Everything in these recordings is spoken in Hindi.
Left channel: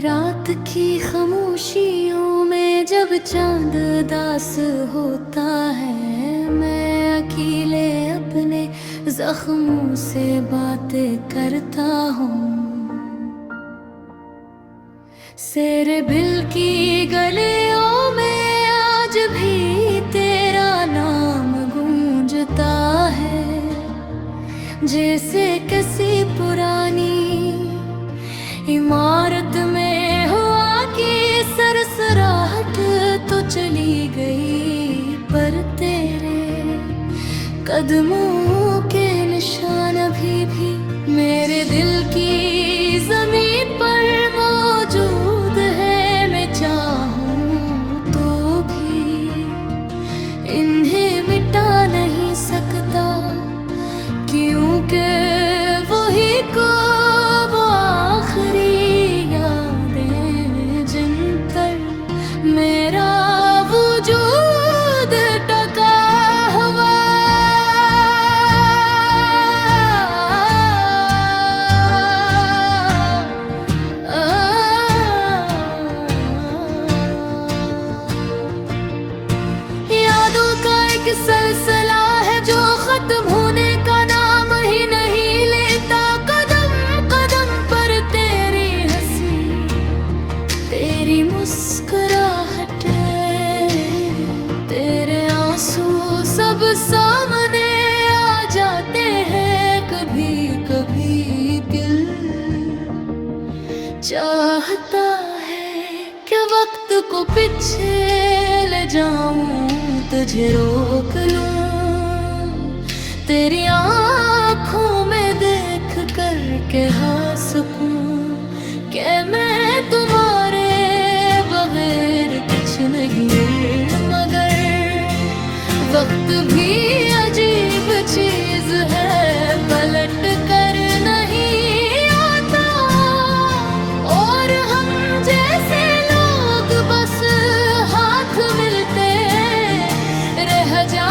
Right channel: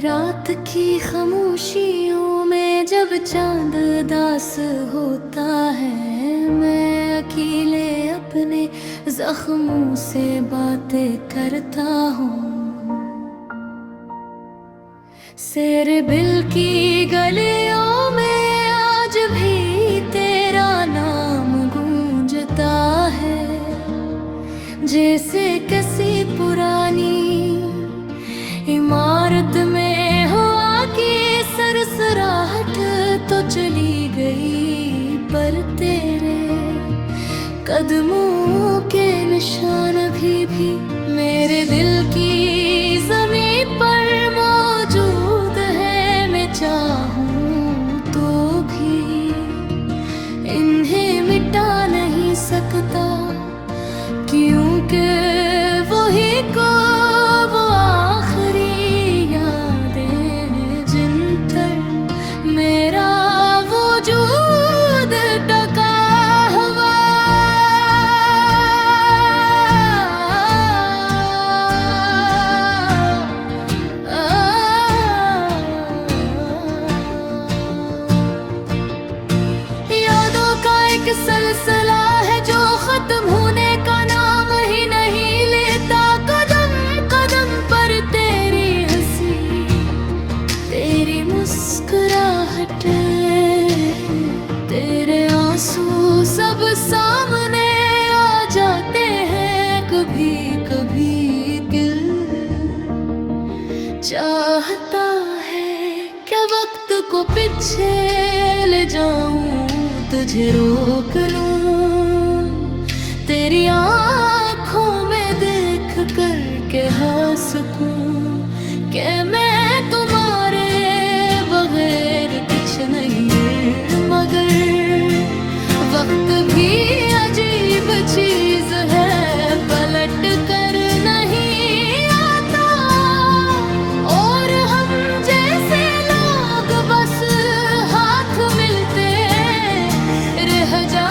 रात की खामोशियों में जब चांद दास होता है, मैं अकेले अपने जख्मों से बातें करता हूँ। सेरे बिल की गलियों में आज भी तेरा नाम गूंजता है, जैसे किसी पुरानी इमारत में हुआ कि सरसराहट तो चली गई, पर तेरे कदमों के निशान अभी भी मेरे दिल की ज़मीं पर मौजूद है। मैं चाहूँ तो भी इन्हें मिटा नहीं सकता, क्योंकि वही को वो आखिरी यादें जिन पर मेरा वजूद टका हुआ। यादों का एक सिलसिला है जो खत्म होने का नाम ही नहीं लेता। कदम कदम पर तेरी हंसी, तेरी मुस्कुराहट, तेरे आंसू सब सामने आ जाते हैं। कभी कभी दिल चाहता है कि वक्त को पीछे ले जाऊं, तुझे रोक लूं, तेरी आँखों में देख कर के हंस सकूं कि मैं तुम्हारे बगैर कुछ नहीं है। मगर वक्त भी अजीब चीज है, पलट कर नहीं आता, और हम जैसे लोग बस हाथ मिलते रह जा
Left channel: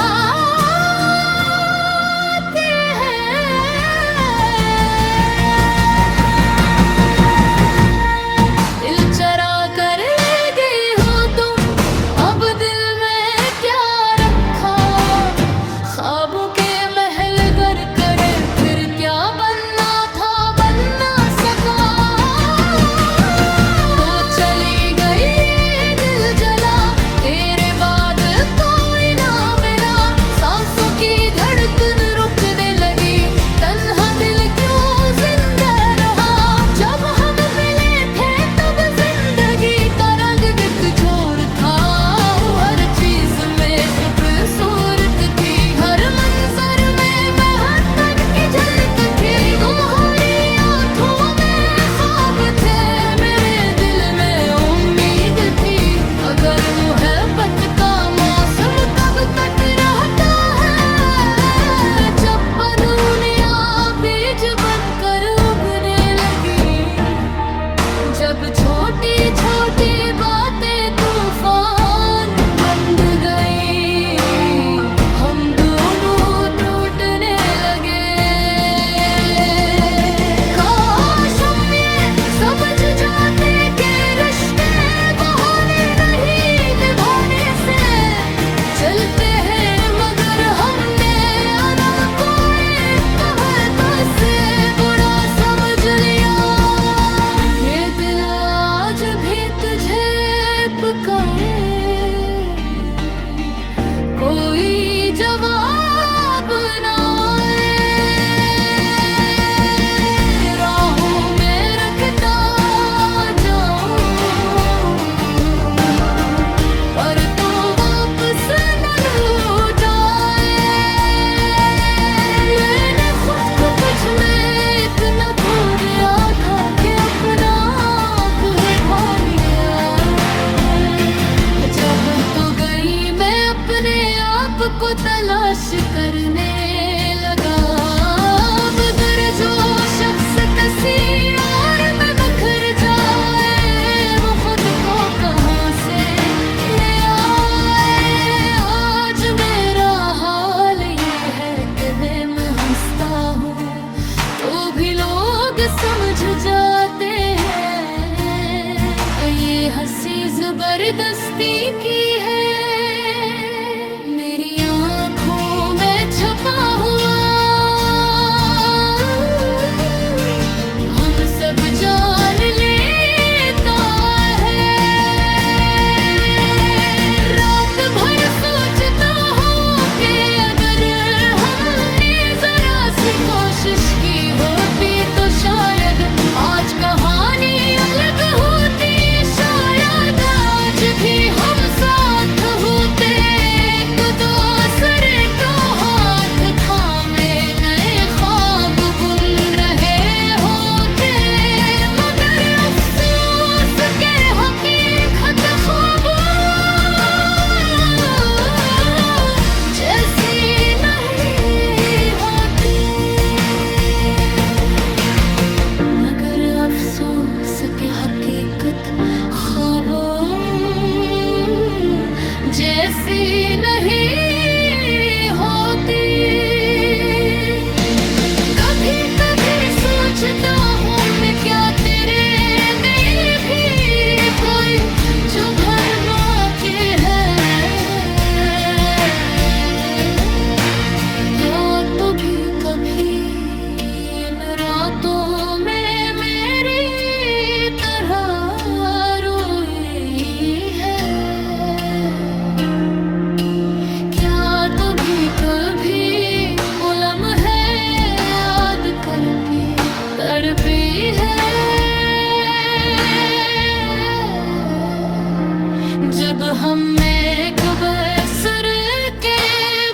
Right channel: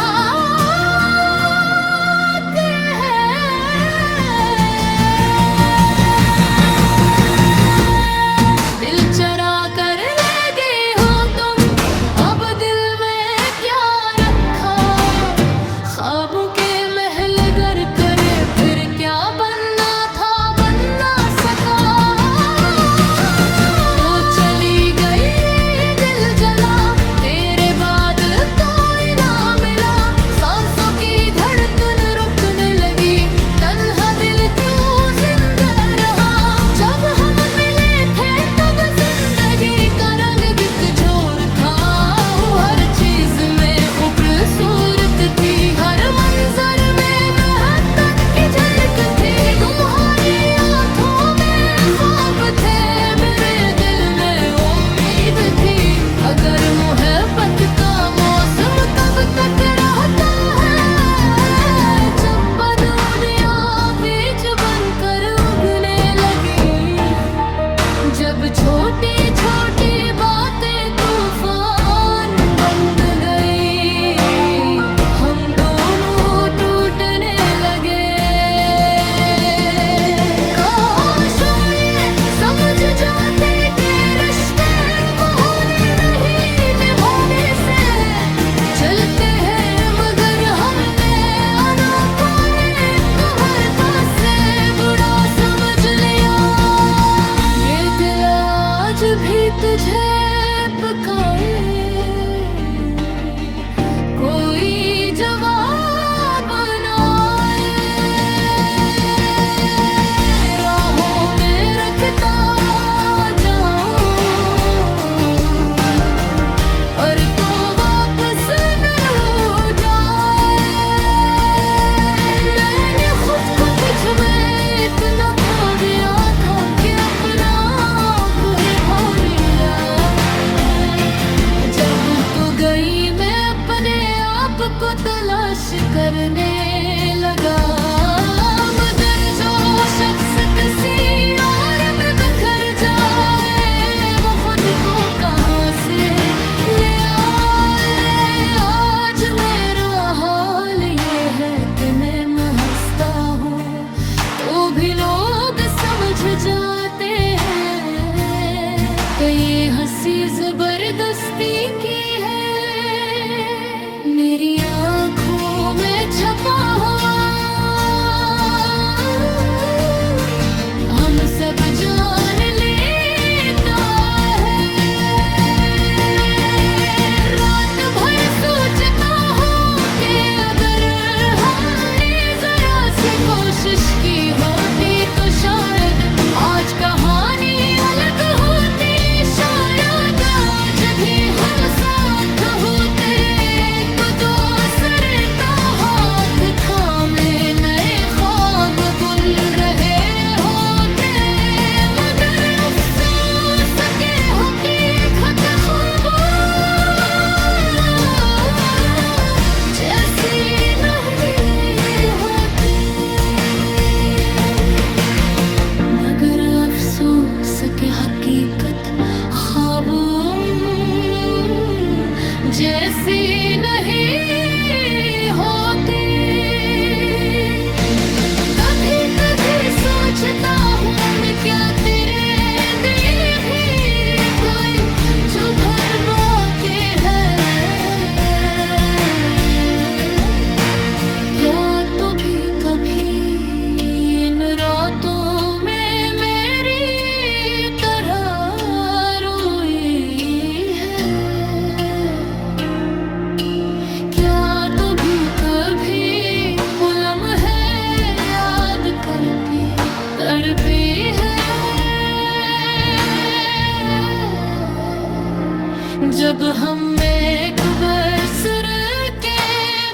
जब छोटी छोटी बातें तूफान बन गई, हम दोनों टूटने लगे। काश हम ये समझ जाते कि रिश्ते बहाने नहीं निभाने से चलते हैं, मगर हमने आना को एक कहता से बुरा समझ लिया। ये दिल आज भी तुझे पुकारे, कोई जवाब ना आए, राहों में रखता जाऊं, पर तो वापस न लौट आए। मैंने खुद को तुझ में इतना खो दिया था कि अपना आप ही भा लिया। जब तो गई मैं अपने आप को तलाश करने लगा, मगर जो शख्स किसी और में बिखर जाए, वो खुद को कहाँ से ले आए। आज मेरा हाल ये है कि मैं हंसता हूँ तो भी लोग समझ जाते हैं जबरदस्ती की है, मेरी आँखों में छपा हुआ। हम सब जान लेता है, रात भर सोचता हूँ कि अगर हमने जरा सी कोशिश की होती तो शायद आज कहानी अलग होती। शायद आज भी हम साथ होते, एक दूसरे का हाथ थामे नए ख्वाब बुन रहे होते। मगर अफसोस के हकीकत ख्वाबों जैसी नहीं होती। मगर अफसोस के हकीकत ख्वाबों जैसी नहीं होती। कभी कभी सोचता हूँ मैं क्या तेरे दिल भी कोई चुभन बाकी है। क्या तो भी कभी इन रातों में मेरी तरह रोई है। क्या तो भी कभी वो लम्हे याद करती तड़पी है। जब हम एक बसर के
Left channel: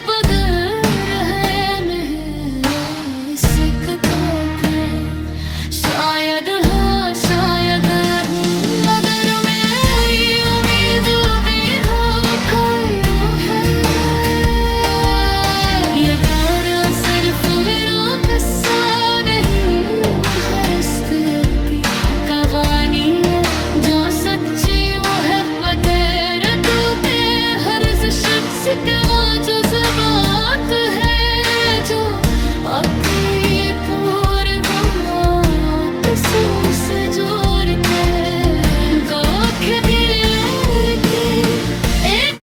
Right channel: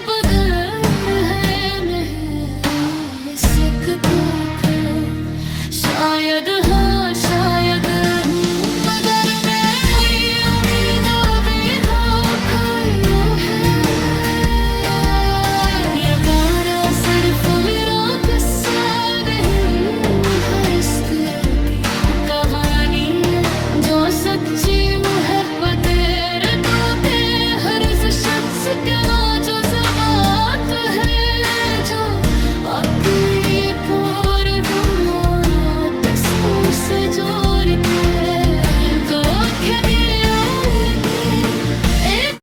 बगैर है मिल सकते थे, शायद हो शायद मगर मेरी उम्मीदों भी हो खायो है। ये गाना सिर्फ मेरा किस्सा नहीं, मुखस्ते की कहानी है जो सच्ची मोहब्बत है। तो के हर शख्स के जो ज़बात है, जो अपनी पूरे गमात सोस जोड़ के गोख गिरे और की एक।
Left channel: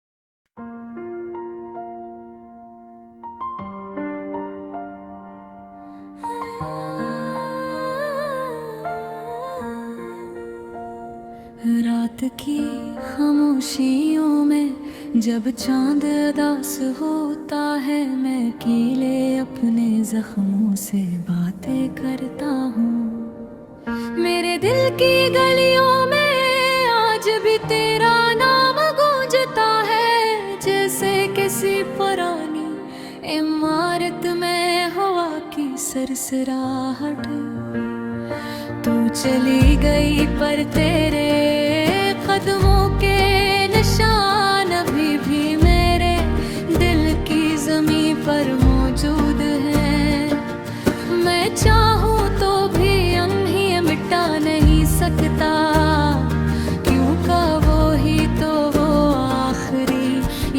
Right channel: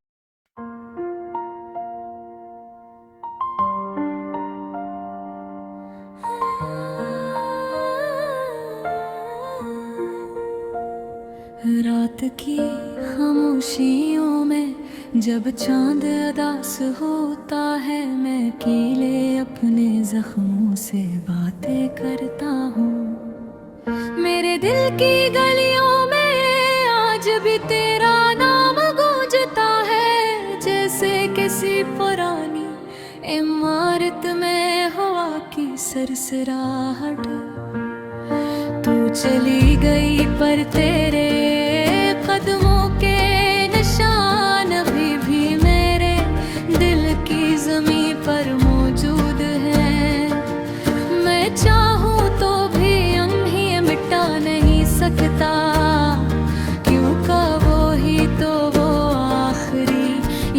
रात की खामोशियों में जब चांद अदास होता है, मैं अकेले अपने जख्मों से बातें करता हूँ। मेरे दिल की गलियों में आज भी तेरा नाम गूंजता है, जैसे किसी पुरानी इमारत में हवा की सरसराहट। तू चली गई पर तेरे कदमों के निशान अभी भी मेरे दिल की ज़मीं पर मौजूद हैं। मैं चाहूँ तो भी उन्हें मिटा नहीं सकता, क्योंकि वो ही तो वो आखिरी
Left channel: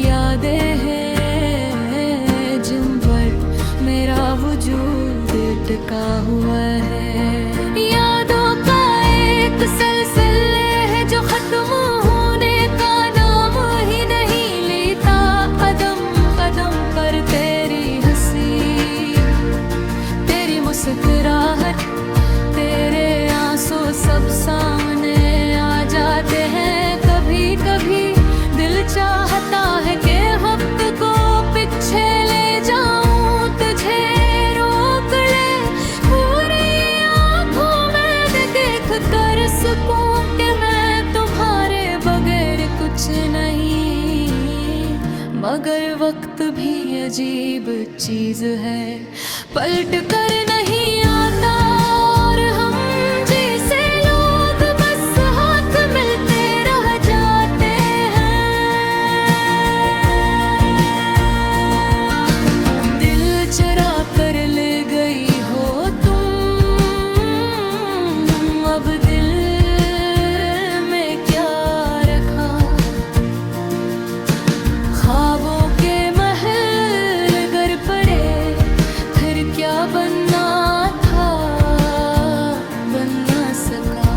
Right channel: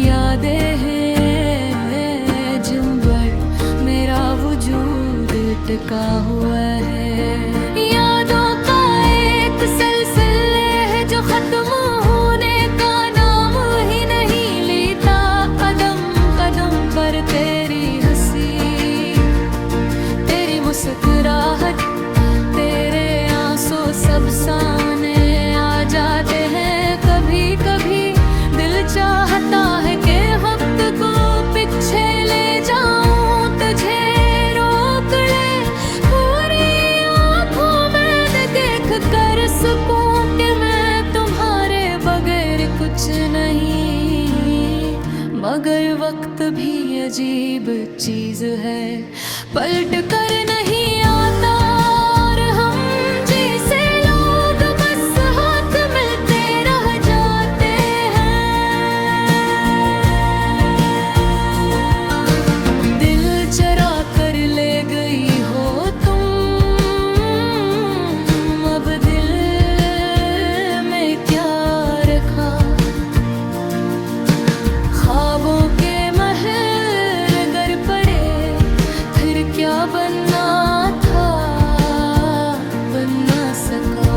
यादें हैं जिन पर मेरा वजूद टिका हुआ है। यादों का एक सिलसिले है जो खत्म होने का नाम ही नहीं लेता। कदम कदम पर तेरी हंसी, तेरी मुस्कुराहट, तेरे आंसू सब सामने आ जाते हैं। कभी कभी दिल चाहता है कि वक्त को पीछे ले जाऊं, तुझे रोक ले पूरी आंखों में देख कर सकूं कि मैं तुम्हारे बगैर कुछ नहीं। मगर वक्त भी अजीब चीज है, पलट कर नहीं आता। और हम जैसे लोग बस हाथ मिलते रह जाते हैं। दिल चरा कर ले गई हो तुम, अब दिल में क्या रखा। ख्वाबों के महल गर पड़े, फिर क्या बनना था बन ना सका।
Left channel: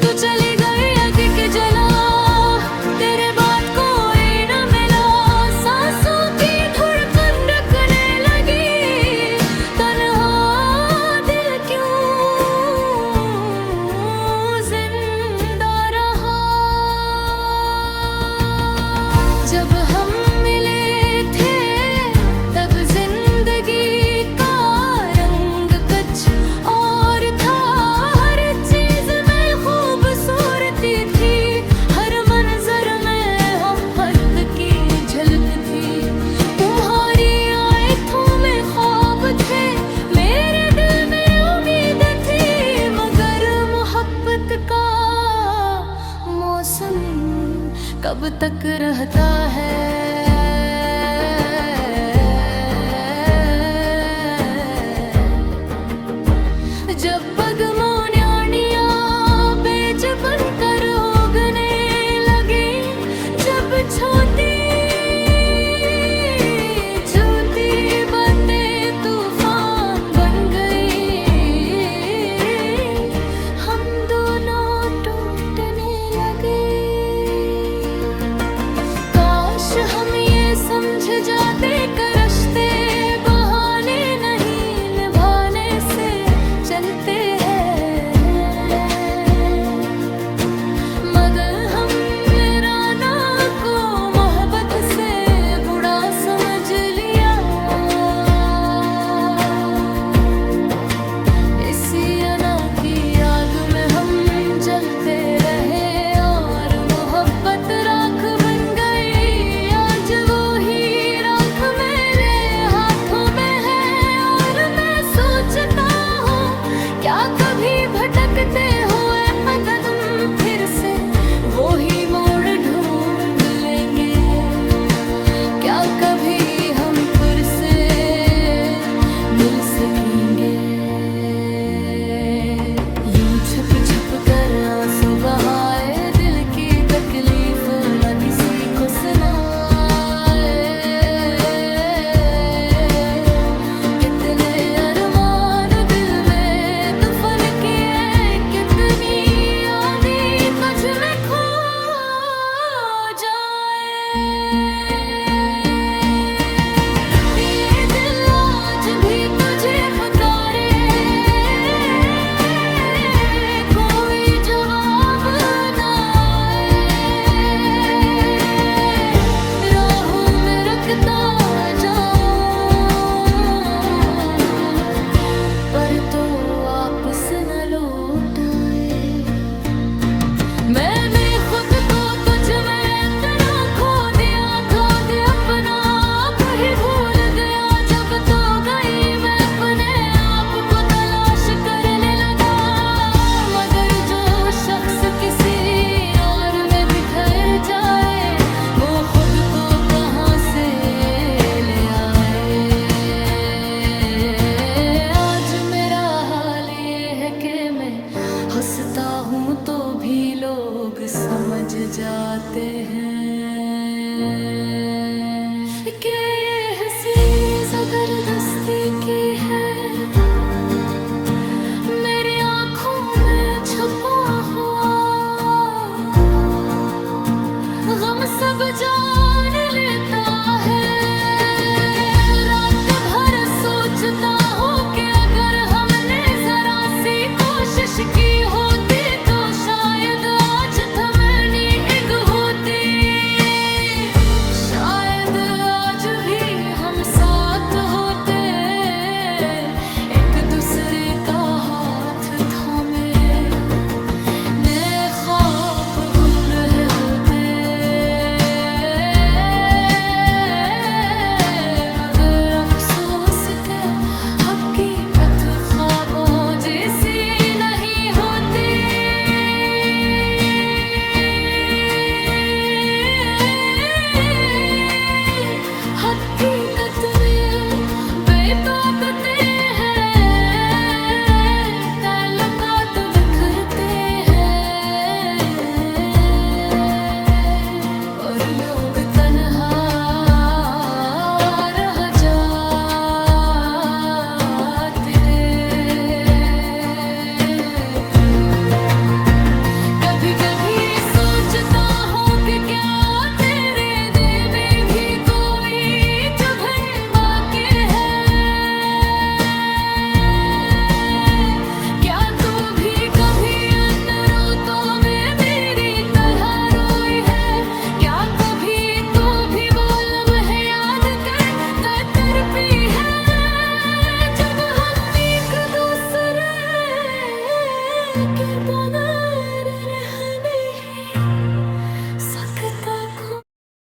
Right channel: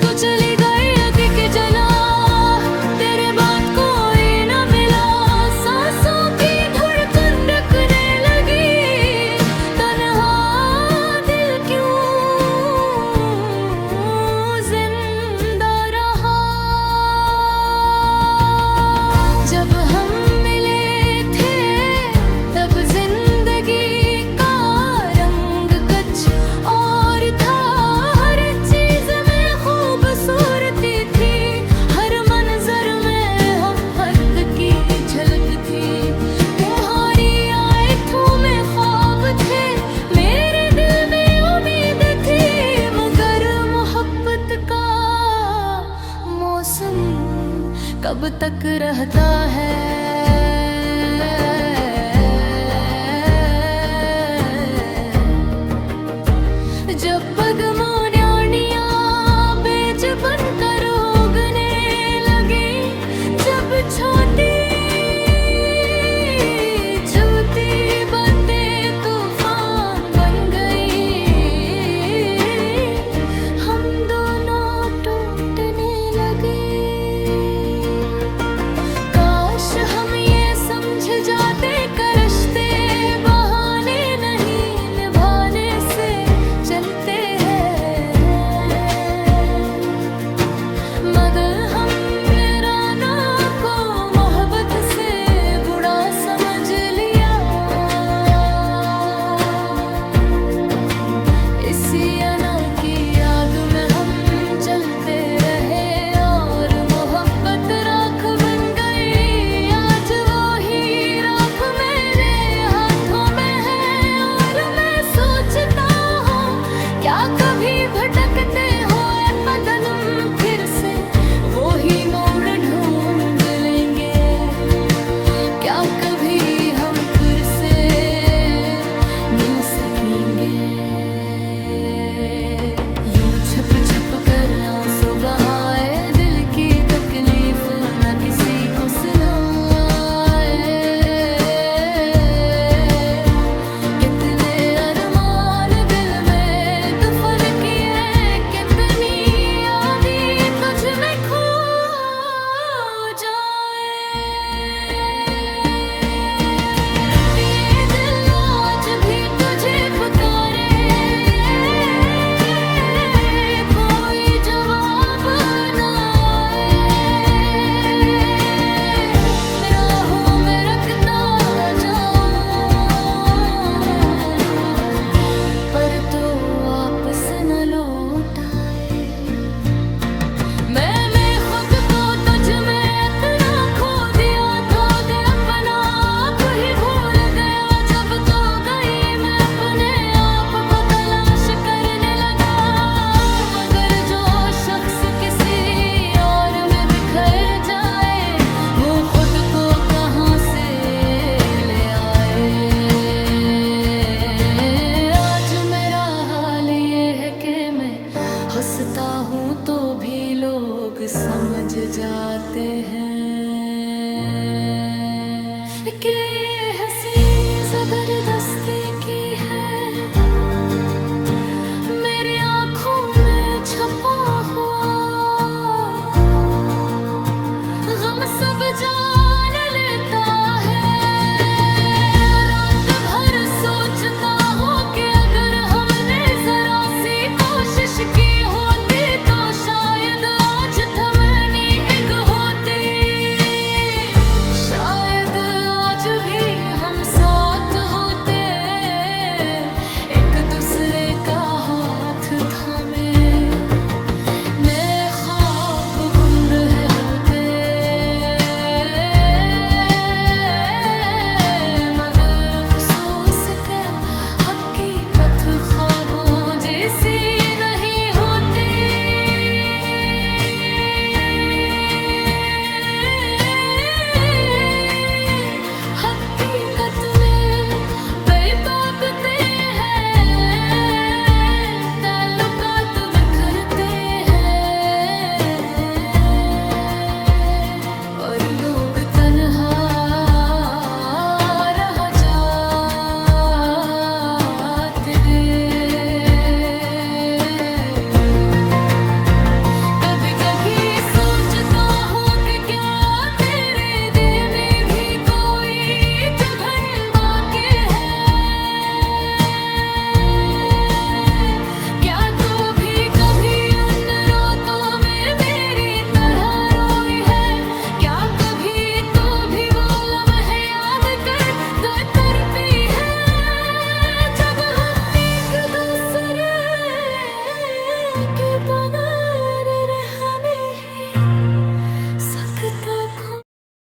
तू चली गई आगे के जब हम मिले थे तब जिंदगी का रंग कुछ और था। हर चीज में खूबसूरती थी, हर मंजर में मोहब्बत की झलक थी। तुम्हारी आँखों में ख्वाब थे, मेरे दिल में उम्मीद थी, मगर मोहब्बत का मौसम कब तक रहता है। जब पगमोन्याणियाँ बेच बनकर उगने लगी, जब छोटी छोटी बातें तूफान बन गई, हम दोनों टूटने लगे। काश हम ये समझ जाते कि रिश्ते बहाने नहीं, निभाने से चलते हैं। मगर हम वीराना को मोहब्बत से बुरा समझ लिया। इसी अना की आग में हम जलते रहे और मोहब्बत राख बन गई। आज वो ही राख मेरे हाथों में है और मैं सोचता हूँ क्या कभी भटकते हुए अदन फिर से वो ही मोड़ ढूंढ लेंगे। क्या कभी हम फिर से मिल सकेंगे। यूं छुप छुप कर आंसू बहाए, दिल की तकलीफ न किसी को सुनाए। कितने अरमान दिल में दफन किए, कितनी यादें तुझ में खो जाए। ये दिल आज भी तुझे पुकारे, कोई जवाब ना आए। राहों में रखता जाऊं पर तो वापस न लौट आए। मैंने खुद को तुझ में इतना खो दिया, खो दे अपना आप ही भूल गया। जब तो गई मैं अपने आप को तलाश करने लगा, मगर जो शख्स किसी और में बिखर जाए वो खुद को कहाँ से ले आए। आज मेरा हाल ये है कि मैं हंसता हूँ तो भी लोग समझ जाते हैं कि ये हंसी जबरदस्ती की है। मेरी आँखों में छुपा हुआ गम सब जा